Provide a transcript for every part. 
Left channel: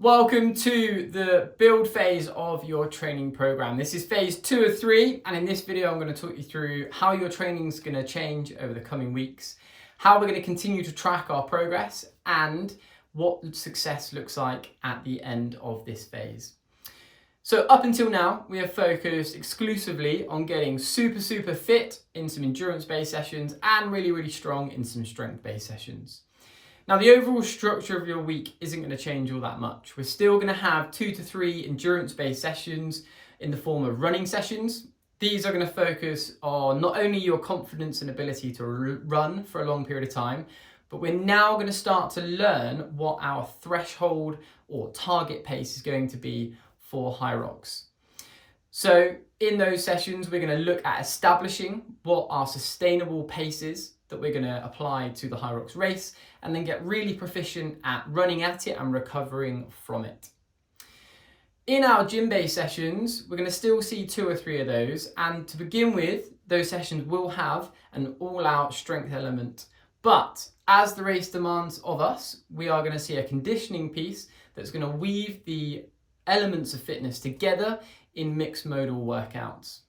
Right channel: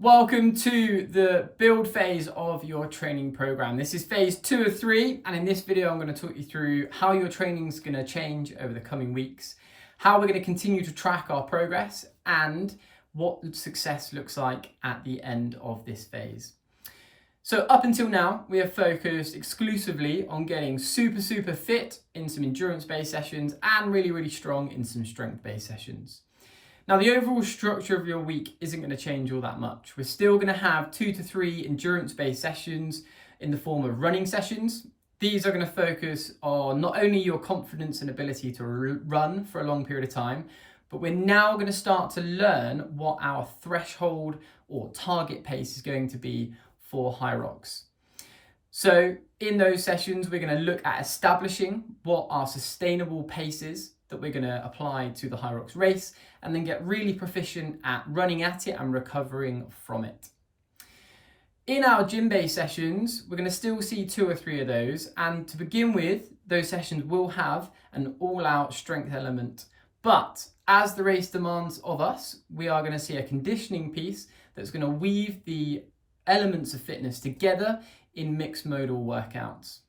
Welcome to the build phase of your training program. This is phase 2 of 3, and in this video I'm going to talk you through how your training is going to change over the coming weeks, how we're going to continue to track our progress, and what success looks like at the end of this phase. So up until now, we have focused exclusively on getting super fit in some endurance-based sessions and really strong in some strength-based sessions. Now, the overall structure of your week isn't going to change all that much. We're still going to have 2 to 3 endurance-based sessions in the form of running sessions. These are going to focus on not only your confidence and ability to run for a long period of time, but we're now going to start to learn what our threshold or target pace is going to be for Hyrox. So in those sessions, we're going to look at establishing what our sustainable pace is that we're going to apply to the Hyrox race, and then get really proficient at running at it and recovering from it. In our gym-based sessions, we're going to still see 2 or 3 of those, and to begin with, those sessions will have an all-out strength element. But as the race demands of us, we are going to see a conditioning piece that's going to weave the elements of fitness together in mixed modal workouts.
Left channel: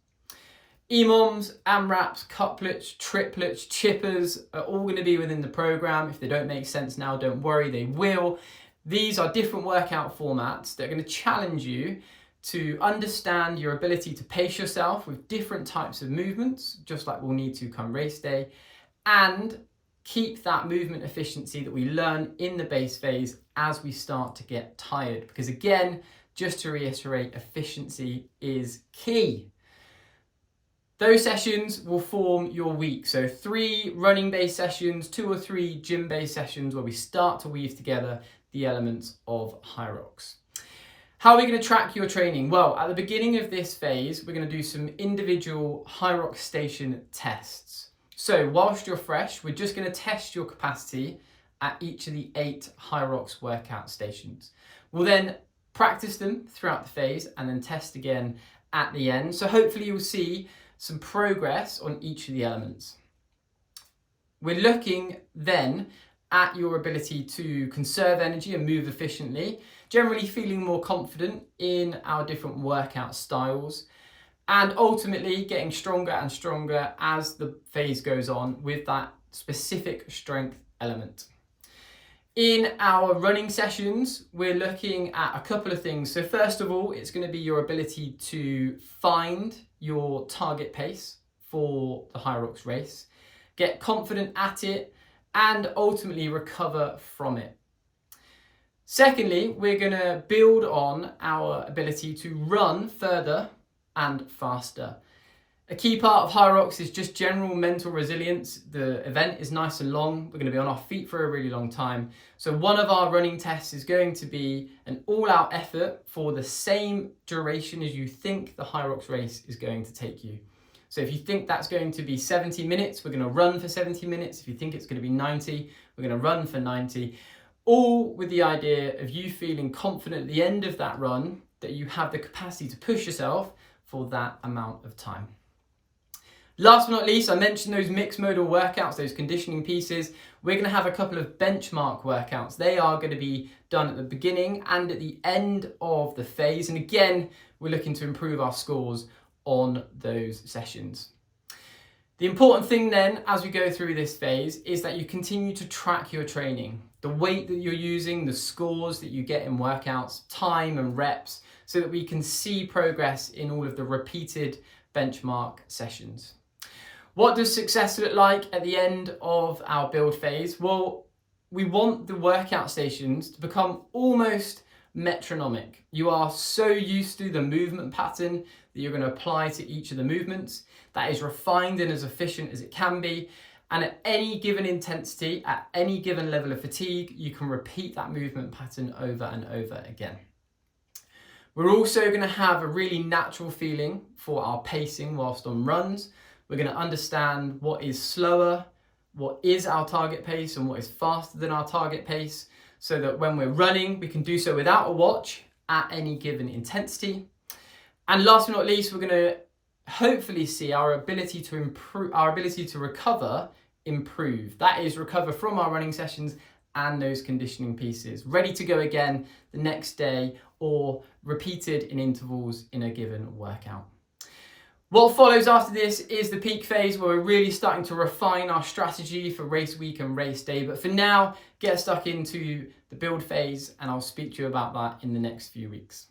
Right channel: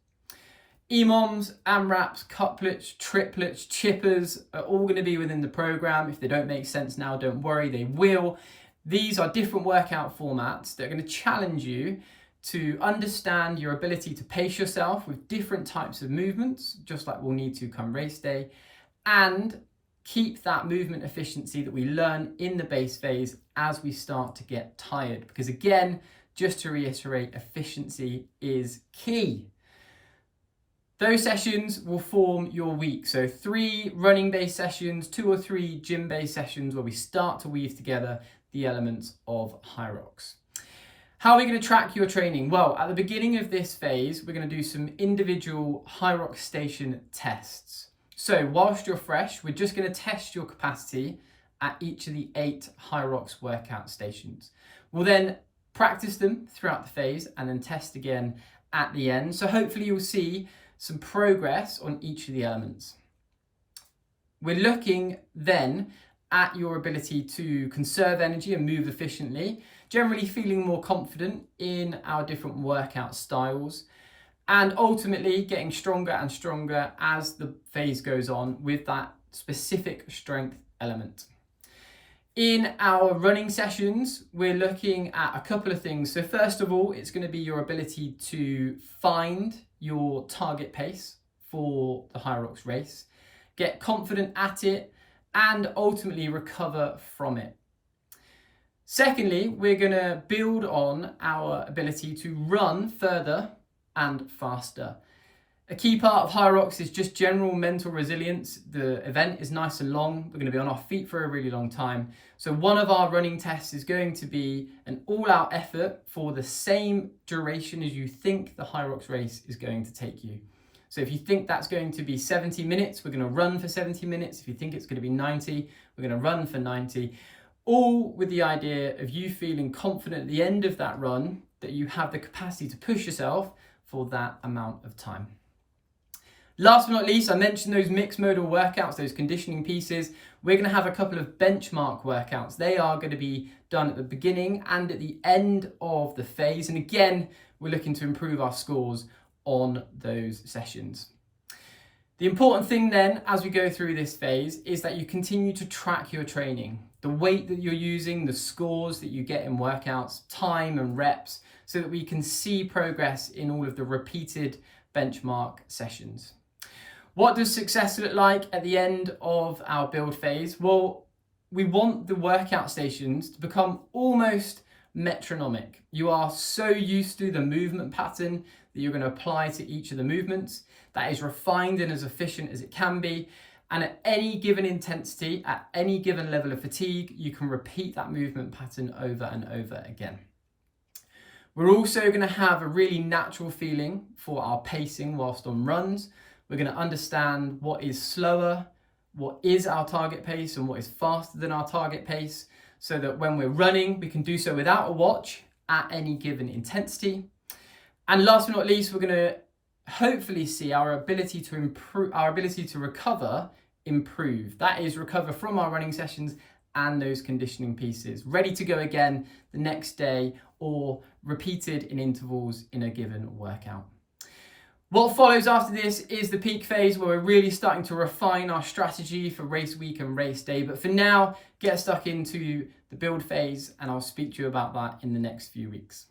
EMOMs, AMRAPs, couplets, triplets, chippers are all going to be within the program. If they don't make sense now, don't worry, they will. These are different workout formats that are going to challenge you to understand your ability to pace yourself with different types of movements, just like we'll need to come race day, and keep that movement efficiency that we learn in the base phase as we start to get tired. Because again, just to reiterate, efficiency is key. Those sessions will form your week. So 3 running-based sessions, 2 or 3 gym-based sessions where we start to weave together the elements of Hyrox. How are we going to track your training? Well, at the beginning of this phase, we're going to do some individual Hyrox station tests. So whilst you're fresh, we're just going to test your capacity at each of the 8 Hyrox workout stations. We'll then practice them throughout the phase and then test again at the end. So hopefully you'll see some progress on each of the elements. We're looking then at your ability to conserve energy and move efficiently, generally feeling more confident in our different workout styles, and ultimately getting stronger and stronger as the phase goes on with that specific strength element. In our running sessions, we're looking at a couple of things. So first of all, it's going to be your ability to find your target pace for the Hyrox race, get confident at it, and ultimately recover from it. Secondly, we're going to build on our ability to run further and faster. A key part of Hyrox is just general mental resilience. The event is nice and long. We're going to be on our feet for a really long time. So one of our running tests is going to be an all-out effort for the same duration as you think the Hyrox race is going to take you. So if you think that's going to be 70 minutes, we're going to run for 70 minutes. If you think it's going to be 90, we're going to run for 90. All with the idea of you feeling confident at the end of that run that you have the capacity to push yourself for that amount of time. Last but not least, I mentioned those mixed modal workouts, those conditioning pieces. We're going to have a couple of benchmark workouts. They are going to be done at the beginning and at the end of the phase. And again, we're looking to improve our scores on those sessions. The important thing then, as we go through this phase, is that you continue to track your training, the weight that you're using, the scores that you get in workouts, time and reps, so that we can see progress in all of the repeated benchmark sessions. What does success look like at the end of our build phase? Well, we want the workout stations to become almost metronomic. You are so used to the movement pattern that you're going to apply to each of the movements that is refined and as efficient as it can be. And at any given intensity, at any given level of fatigue, you can repeat that movement pattern over and over again. We're also going to have a really natural feeling for our pacing whilst on runs. We're going to understand what is slower, what is our target pace, and what is faster than our target pace, so that when we're running, we can do so without a watch at any given intensity. And last but not least, we're going to hopefully see our ability to recover improve. That is, recover from our running sessions and those conditioning pieces, ready to go again the next day or repeated in intervals in a given workout. What follows after this is the peak phase, where we're really starting to refine our strategy for race week and race day. But for now, get stuck into the build phase, and I'll speak to you about that in the next few weeks.